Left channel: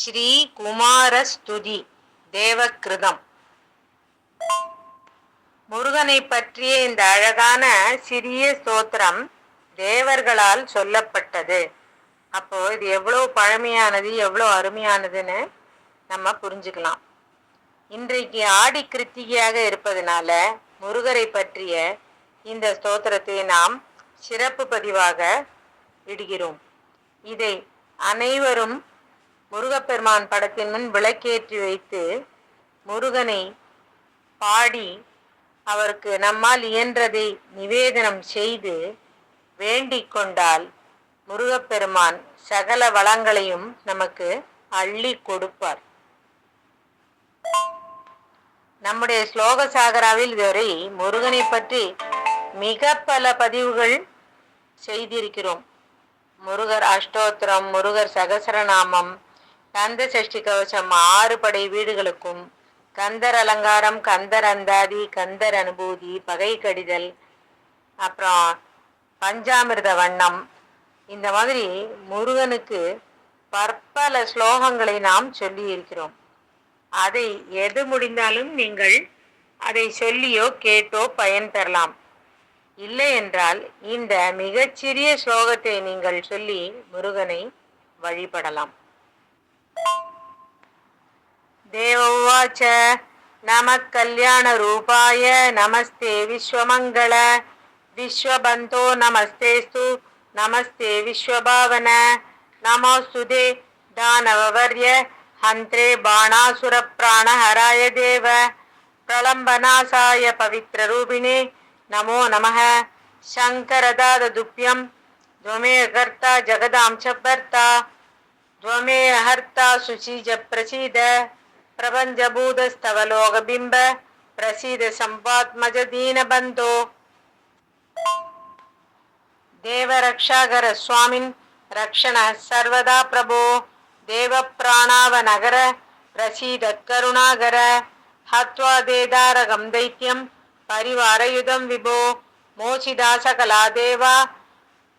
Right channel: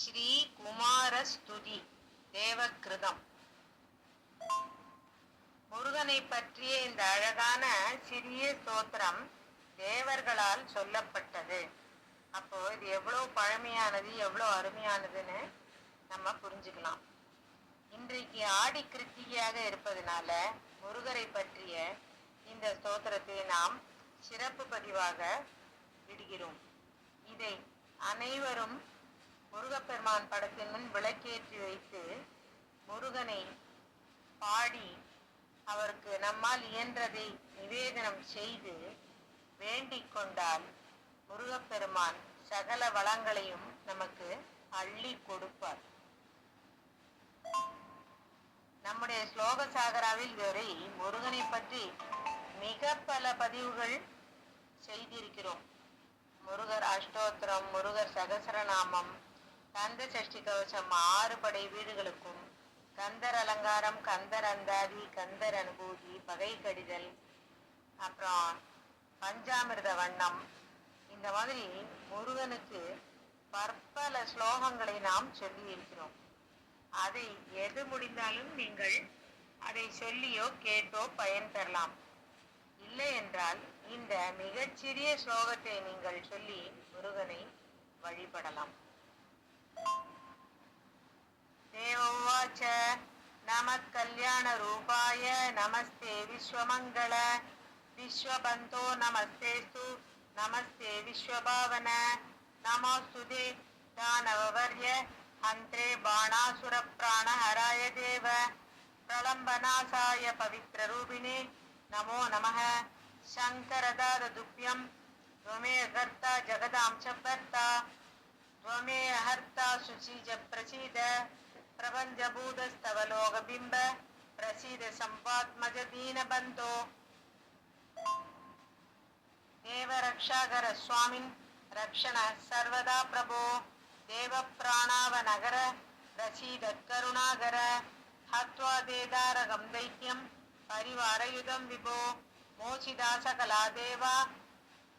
ஸ்ரீ குமாரஸ்துதி தேவக்கிருதம் முருகனை பற்றிய இந்த அழகான சிறிய ஸ்தோத்திரம் தேவர்களால் சொல்லப்பட்டது. அப்போ இது எவ்வளோ பழமையானது எவ்வளோ அருமையானதுன்னு நம்ம புரிஞ்சுக்கலாம். இன்றைக்கு ஆடி கிருத்திகையாக இருப்பதனால முருகரை பற்றிய இந்த ஸ்தோத்திரத்தை நாம் சிறப்பு பதிவாக இடுகிறோம். இதை அனைவரும் முருகப்பெருமான் படத்தின் முன் விளக்கேற்றி வைத்து முருகனை பாடி அவருக்கு நம்மால் இயன்றதை நிவேதனம் செய்து வேண்டிக் கொண்டால் முருகப்பெருமான் சகல வளங்களையும் நமக்கு அள்ளி கொடுப்பார். நம்முடைய ஸ்லோக சாகராவில் இதுவரை முருகனை பற்றி மிக பல பதிவுகள் செய்திருக்கிறோம். முருகர் அஷ்டோத்திரம் முருகர் சகசரநாமம் கந்த சஷ்டி கவசம் ஆறு படை வீடுகளுக்கும் கந்தர் அலங்காரம் கந்தர் அந்தாதி கந்தர் அனுபூதி பகை கடிதல் அப்புறம் பஞ்சாமிர்த வண்ணம். இந்த மாதிரி முருகனுக்கு பற்பல ஸ்லோகங்களை நாம் சொல்லி இருக்கிறோம் அதை எது முடிந்தாலும் நீங்கள் அதை சொல்லியோ கேட்டோ பயன் பெறலாம் இல்லை என்றால் இந்த மிகச்சிறிய ஸ்லோகத்தை நீங்கள் சொல்லி முருகனை வழிபடலாம். देव उवाच नमः कल्याणरूपाय नमस्ते विश्वमङ्गल विश्वबन्धो नमस्तेस्तु नमस्ते विश्वभावन नमोऽस्तु दे दानववर्य हन्त्रे बाणासुरप्राणहराय देव प्रलम्बनाशाय पवित्ररूपिणे नमो नमः शङ्करदाददुभ्यं त्वमेकर्ता जगदां च भर्ता त्वमेहर्ता शुचिज प्रसीद प्रपञ्चभूतस्तव लोकबिम्ब प्रसीद सम्पात्मज दीनबन्धो देवरक्षाकर स्वामिन् रक्षणः सर्वदा प्रभो देवप्राणावनगर प्रसीद करुणागर हत्वा देदारगं दैत्यं परिवारयुधं विभो मोचिदा सकला देवा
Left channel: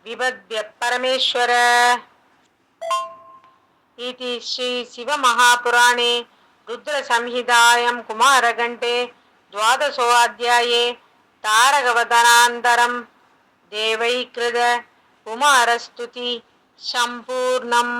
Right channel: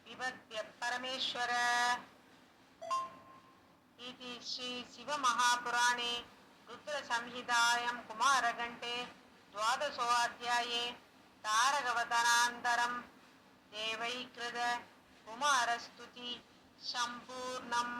विबध्य परमेश्वर इति श्रीशिवमहापुराणे रुद्रसंहितायां कुमारघण्टे द्वादशोऽध्याये तारकवदनान्तरं देवैकृत कुमारस्तुति सम्पूर्णम्